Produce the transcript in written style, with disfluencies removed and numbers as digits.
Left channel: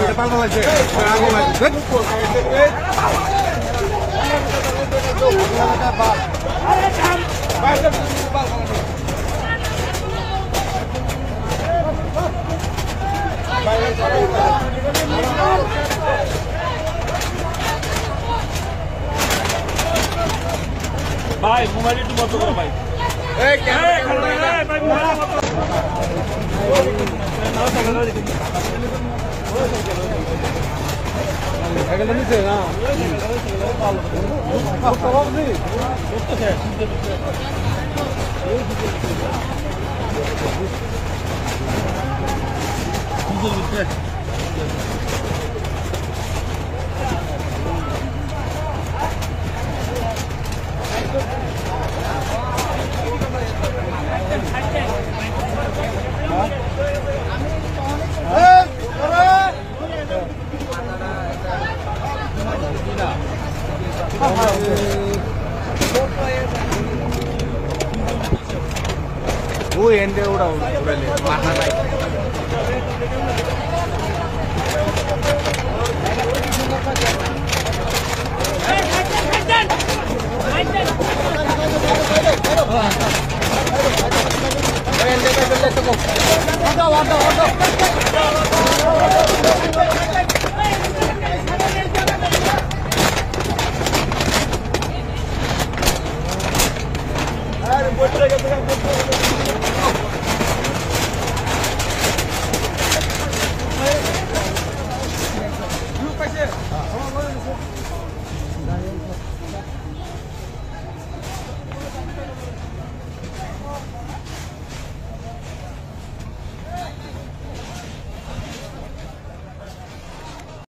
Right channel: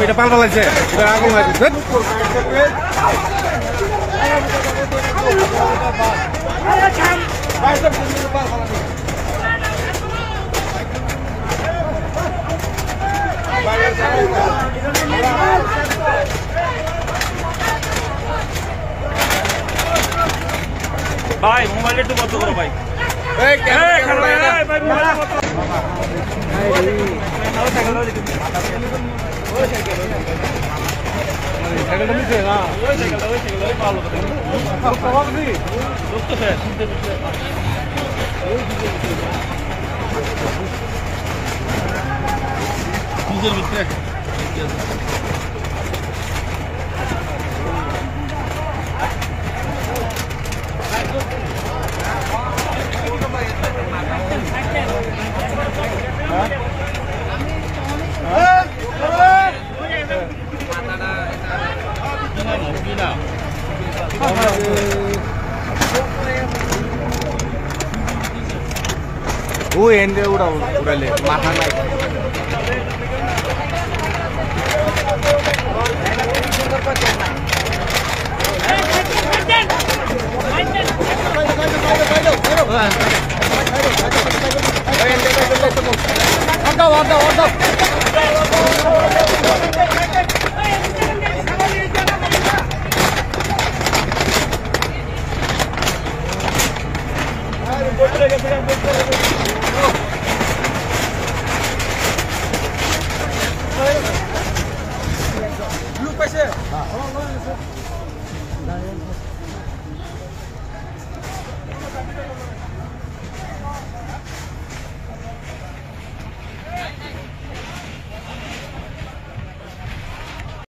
এটা পাল্টা লাগছে আগে লাগছে ভাই মোবাইলের তো মতো ভাই এই ক্যামেরা ভাই মোবাইলের মতো সাইকেলটা নিচে না ওই সাইকেলটা ভালো কথা লোক তো শেষ নিজের ভিতরে वो एंडे उड़ा पहले एंडे पे कर ले तो